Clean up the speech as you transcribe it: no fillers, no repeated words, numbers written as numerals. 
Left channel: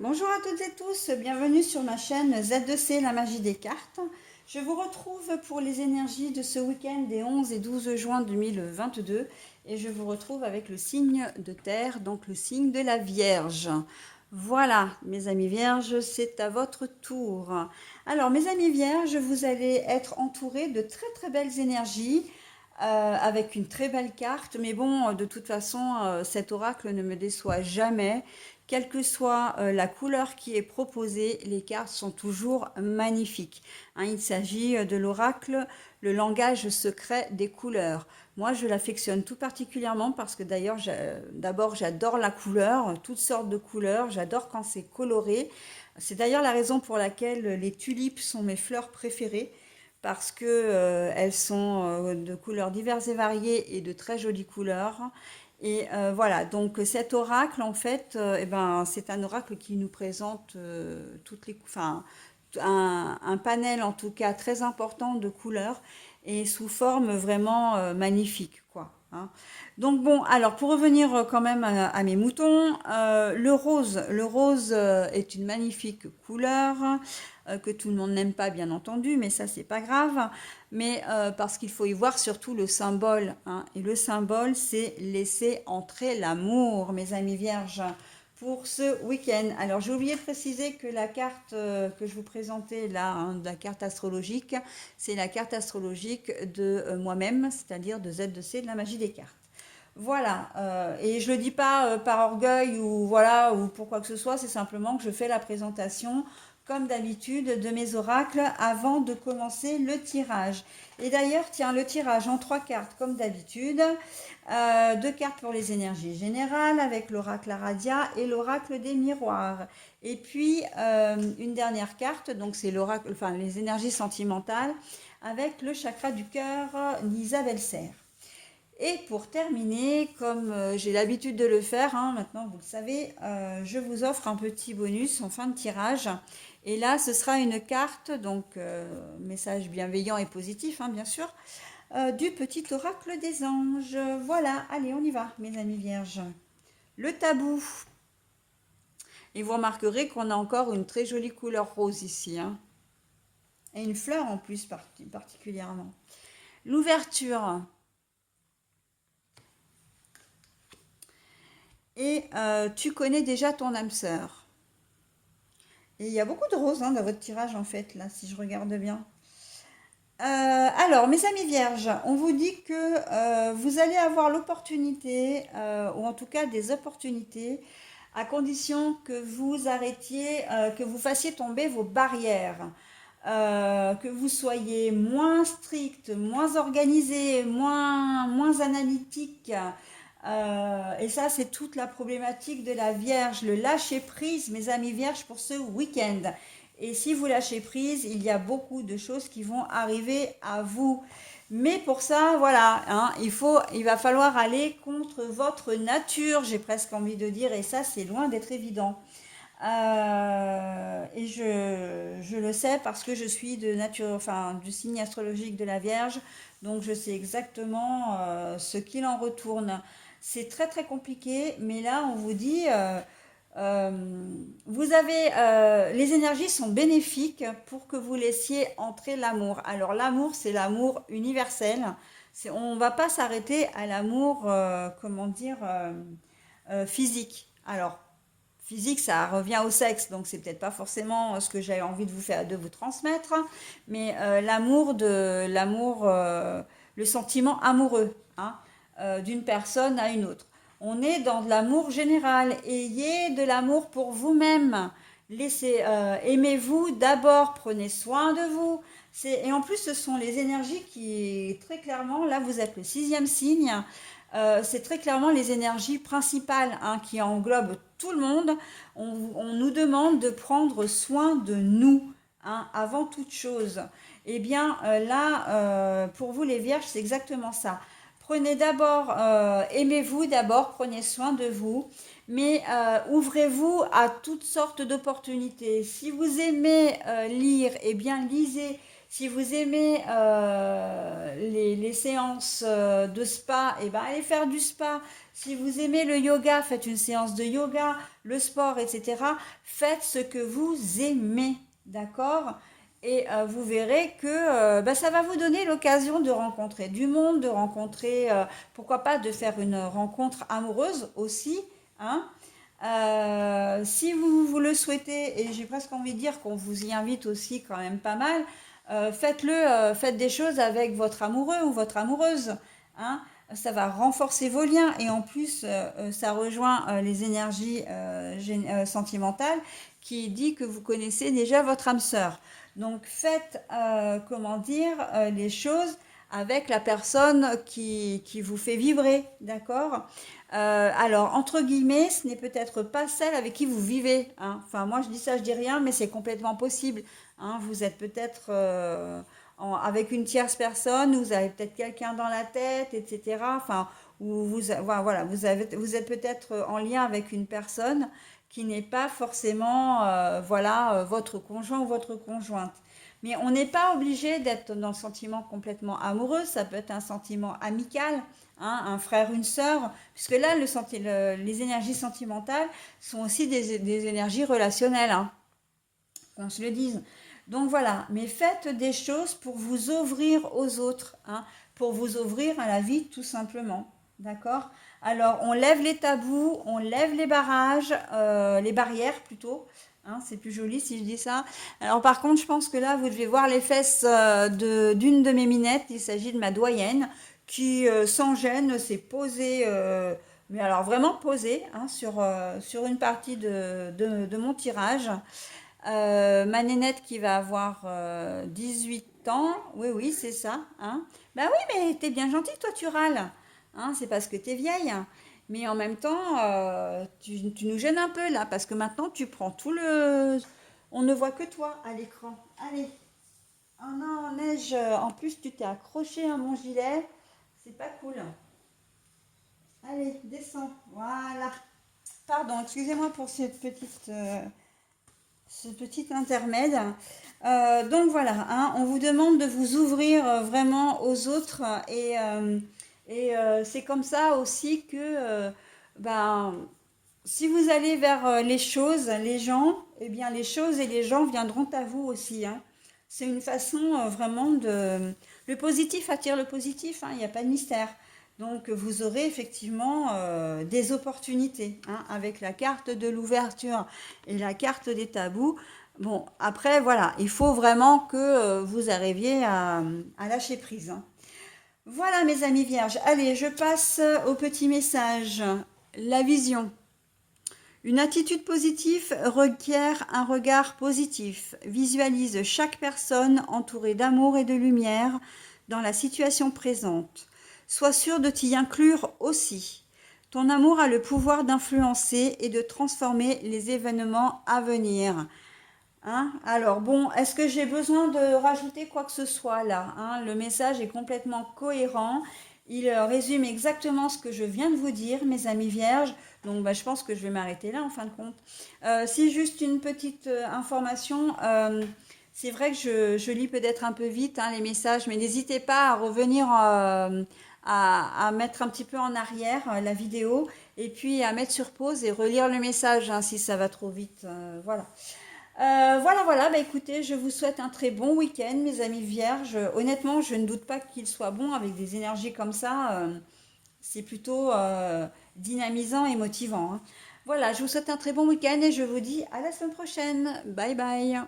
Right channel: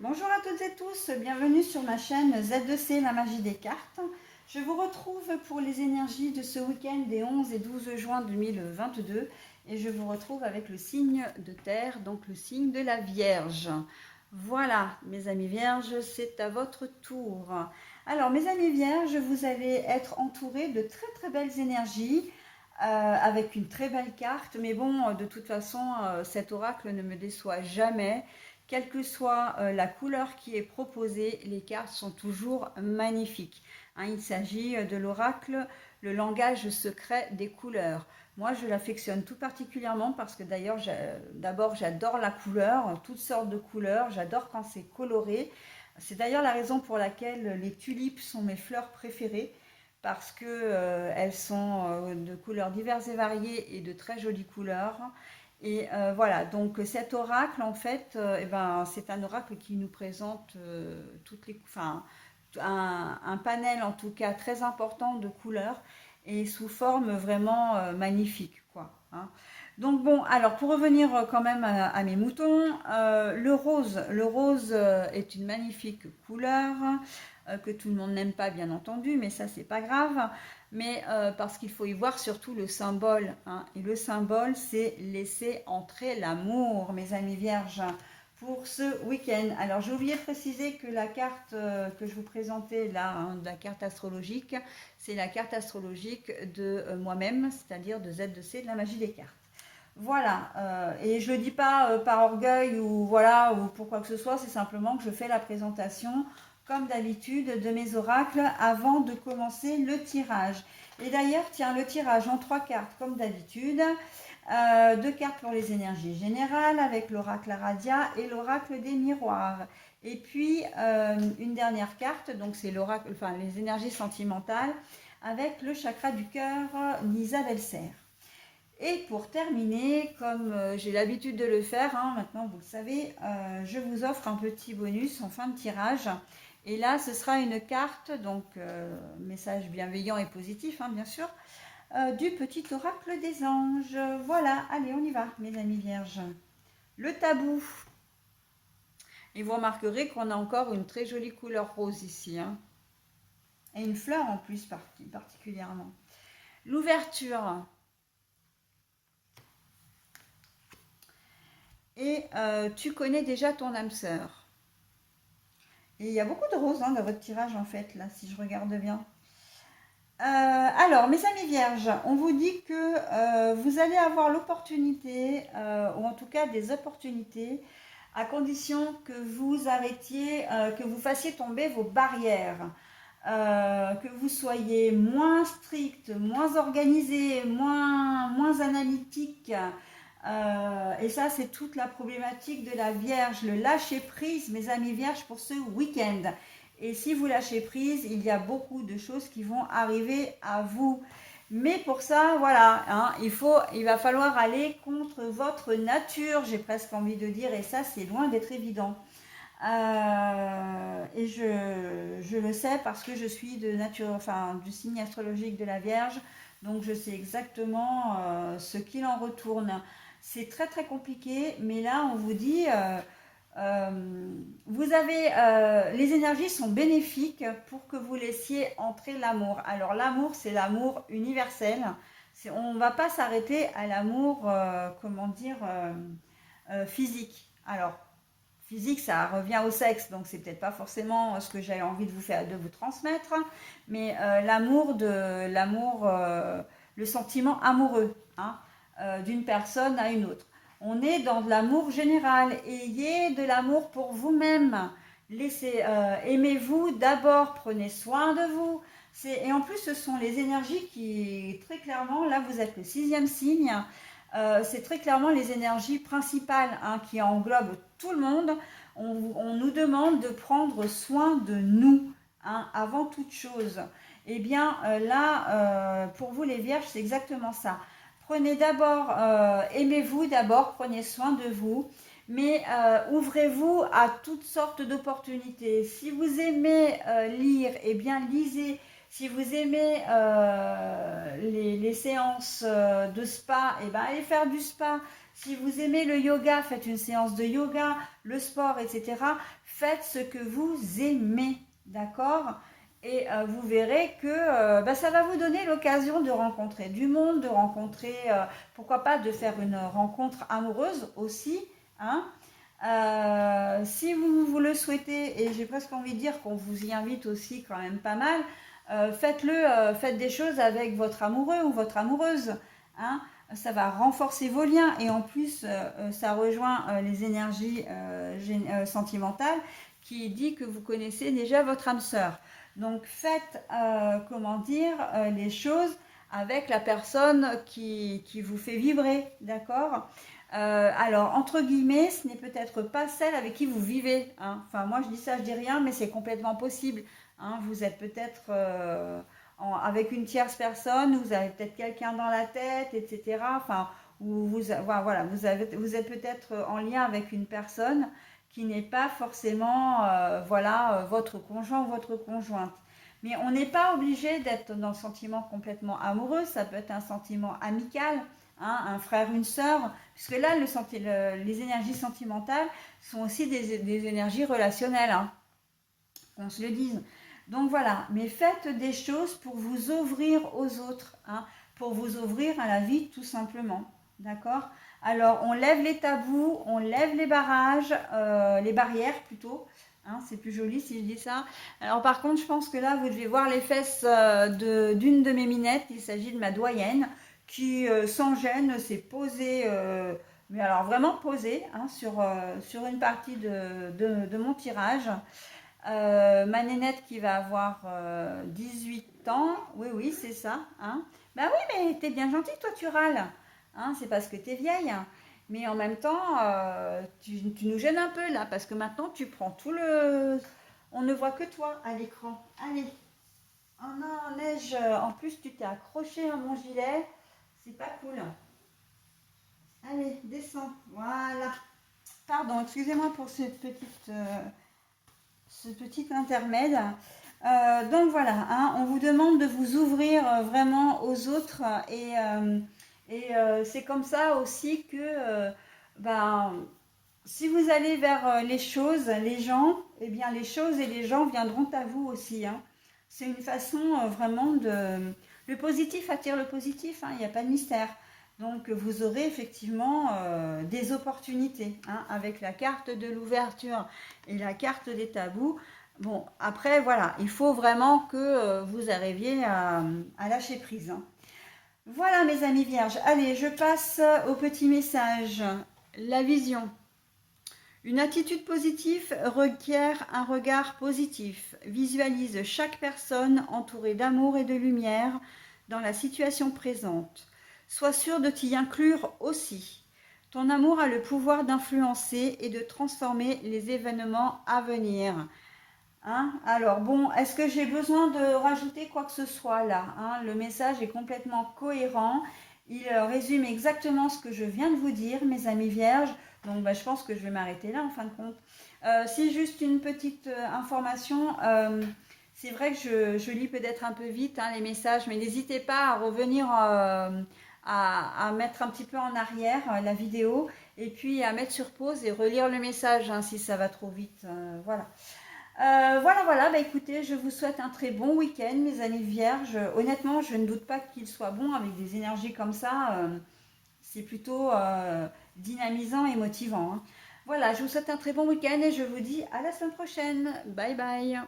Bonjour à toutes et tous, bienvenue sur ma chaîne Z2C, la magie des cartes. Je vous retrouve pour les énergies de ce week-end des 11 et 12 juin 2022 et je vous retrouve avec le signe de terre, donc le signe de la Vierge. Voilà, mes amis Vierges, c'est à votre tour. Alors, mes amis Vierges, vous allez être entourés de très très belles énergies. Avec une très belle carte, mais bon, de toute façon, cet oracle ne me déçoit jamais. Quelle que soit la couleur qui est proposée, les cartes sont toujours magnifiques. Hein, il s'agit de l'oracle, le langage secret des couleurs. Moi, je l'affectionne tout particulièrement parce que d'ailleurs, d'abord, j'adore la couleur, toutes sortes de couleurs. J'adore quand c'est coloré. C'est d'ailleurs la raison pour laquelle les tulipes sont mes fleurs préférées parce que elles sont de couleurs diverses et variées et de très jolies couleurs. Et voilà, donc cet oracle, en fait, eh ben, c'est un oracle qui nous présente enfin, un panel en tout cas très important de couleurs et sous forme vraiment magnifique, quoi. Hein. Donc bon, alors pour revenir quand même à mes moutons, le rose est une magnifique couleur que tout le monde n'aime pas, bien entendu, mais ça c'est pas grave. Mais parce qu'il faut y voir surtout le symbole. Hein. Et le symbole, c'est laisser entrer l'amour, mes amis vierges, pour ce week-end. Alors, j'ai oublié de préciser que la carte que je vous présentais là, hein, la carte astrologique, c'est la carte astrologique de moi-même, c'est-à-dire de Z2C, de la magie des cartes. Voilà, et je ne le dis pas par orgueil ou voilà ou pour quoi que ce soit, c'est simplement que je fais la présentation comme d'habitude de mes oracles avant de commencer le tirage. Et d'ailleurs, tiens, le tirage en trois cartes comme d'habitude, deux cartes pour les énergies générales avec l'oracle Aradia et l'oracle des miroirs. Et puis une dernière carte, donc c'est l'oracle, enfin les énergies sentimentales avec le chakra du cœur d'Isabelle Serre. Et pour terminer, comme j'ai l'habitude de le faire, hein, maintenant vous le savez, je vous offre un petit bonus en fin de tirage. Et là, ce sera une carte, donc message bienveillant et positif, hein, bien sûr, du petit oracle des anges. Voilà, allez, on y va, mes amis vierges. Le tabou. Et vous remarquerez qu'on a encore une très jolie couleur rose ici, hein, et une fleur en plus particulièrement. L'ouverture. Et tu connais déjà ton âme sœur. Et il y a beaucoup de roses hein, dans votre tirage en fait, là, si je regarde bien. Alors, mes amis vierges, on vous dit que vous allez avoir l'opportunité, ou en tout cas des opportunités, à condition que vous arrêtiez, que vous fassiez tomber vos barrières, que vous soyez moins strict, moins organisé, moins analytique. Et ça, c'est toute la problématique de la Vierge, le lâcher prise, mes amis vierges, pour ce week-end. Et si vous lâchez prise, il y a beaucoup de choses qui vont arriver à vous. Mais pour ça, voilà, hein, il va falloir aller contre votre nature, j'ai presque envie de dire, et ça, c'est loin d'être évident. Et je le sais parce que je suis de nature, enfin, du signe astrologique de la Vierge, donc je sais exactement ce qu'il en retourne. C'est très très compliqué, mais là on vous dit, euh, vous avez, les énergies sont bénéfiques pour que vous laissiez entrer l'amour. Alors l'amour, c'est l'amour universel. On ne va pas s'arrêter à l'amour, comment dire, physique. Alors physique, ça revient au sexe, donc c'est peut-être pas forcément ce que j'ai envie de vous faire, de vous transmettre, mais le sentiment amoureux, hein, d'une personne à une autre. On est dans de l'amour général. Ayez de l'amour pour vous-même. Aimez-vous d'abord, prenez soin de vous. Et en plus, ce sont les énergies qui, très clairement, là vous êtes le sixième signe, c'est très clairement les énergies principales hein, qui englobent tout le monde. On nous demande de prendre soin de nous hein, avant toute chose. Eh bien là, pour vous les vierges, c'est exactement ça. Prenez d'abord, aimez-vous d'abord, prenez soin de vous, mais ouvrez-vous à toutes sortes d'opportunités. Si vous aimez lire, eh bien lisez. Si vous aimez les séances de spa, eh ben allez faire du spa. Si vous aimez le yoga, faites une séance de yoga, le sport, etc. Faites ce que vous aimez, d'accord? Et vous verrez que ça va vous donner l'occasion de rencontrer du monde, de rencontrer, pourquoi pas, de faire une rencontre amoureuse aussi, hein. Si vous le souhaitez, et j'ai presque envie de dire qu'on vous y invite aussi quand même pas mal, faites des choses avec votre amoureux ou votre amoureuse, hein. Ça va renforcer vos liens et en plus, ça rejoint les énergies sentimentales qui dit que vous connaissez déjà votre âme sœur. Donc faites, comment dire, les choses avec la personne qui vous fait vibrer, d'accord? Alors, entre guillemets, ce n'est peut-être pas celle avec qui vous vivez, hein. Enfin, moi je dis ça, je dis rien, mais c'est complètement possible, hein. Vous êtes peut-être avec une tierce personne, vous avez peut-être quelqu'un dans la tête, etc. Enfin, voilà, vous êtes peut-être en lien avec une personne qui n'est pas forcément voilà, votre conjoint ou votre conjointe. Mais on n'est pas obligé d'être dans le sentiment complètement amoureux, ça peut être un sentiment amical, hein, un frère, une sœur, puisque là, les énergies sentimentales sont aussi des énergies relationnelles, hein, qu'on se le dise. Donc voilà, mais faites des choses pour vous ouvrir aux autres, hein, pour vous ouvrir à la vie tout simplement. D'accord? Alors on lève les tabous, on lève les barrages, les barrières plutôt. Hein, c'est plus joli si je dis ça. Alors par contre, je pense que là, vous devez voir les fesses d'une de mes minettes. Il s'agit de ma doyenne qui, sans gêne, s'est posée, mais alors vraiment posée, hein, sur une partie de mon tirage. Ma nénette qui va avoir 18 ans, oui, oui, c'est ça. Hein. Bah oui, mais t'es bien gentille, toi, tu râles. Hein, c'est parce que t'es vieille. Mais en même temps, tu nous gênes un peu là, parce que maintenant, tu prends tout le... On ne voit que toi à l'écran. Allez. Oh non, neige, en plus, tu t'es accroché à mon gilet. C'est pas cool. Allez, descends. Voilà. Pardon, excusez-moi pour ce petit intermède. Donc voilà, hein, on vous demande de vous ouvrir vraiment aux autres et c'est comme ça aussi que ben, si vous allez vers les choses, les gens, eh bien les choses et les gens viendront à vous aussi, hein. C'est une façon vraiment de... Le positif attire le positif, hein, il n'y a pas de mystère. Donc vous aurez effectivement des opportunités, hein, avec la carte de l'ouverture et la carte des tabous. Bon, après, voilà, il faut vraiment que vous arriviez à lâcher prise, hein. Voilà, mes amis vierges. Allez, je passe au petit message. La vision. Une attitude positive requiert un regard positif. Visualise chaque personne entourée d'amour et de lumière dans la situation présente. Sois sûr de t'y inclure aussi. Ton amour a le pouvoir d'influencer et de transformer les événements à venir. Hein? Alors bon, est-ce que j'ai besoin de rajouter quoi que ce soit là, hein? Le message est complètement cohérent. Il résume exactement ce que je viens de vous dire, mes amis vierges. Donc je pense que je vais m'arrêter là en fin de compte. Si juste une petite information, c'est vrai que je lis peut-être un peu vite, hein, les messages, mais n'hésitez pas à revenir à mettre un petit peu en arrière la vidéo et puis à mettre sur pause et relire le message, hein, si ça va trop vite. Voilà. Voilà, bah écoutez, je vous souhaite un très bon week-end, mes amis vierges. Honnêtement, je ne doute pas qu'il soit bon avec des énergies comme ça. C'est plutôt dynamisant et motivant, hein. Voilà, je vous souhaite un très bon week-end et je vous dis à la semaine prochaine. Bye bye.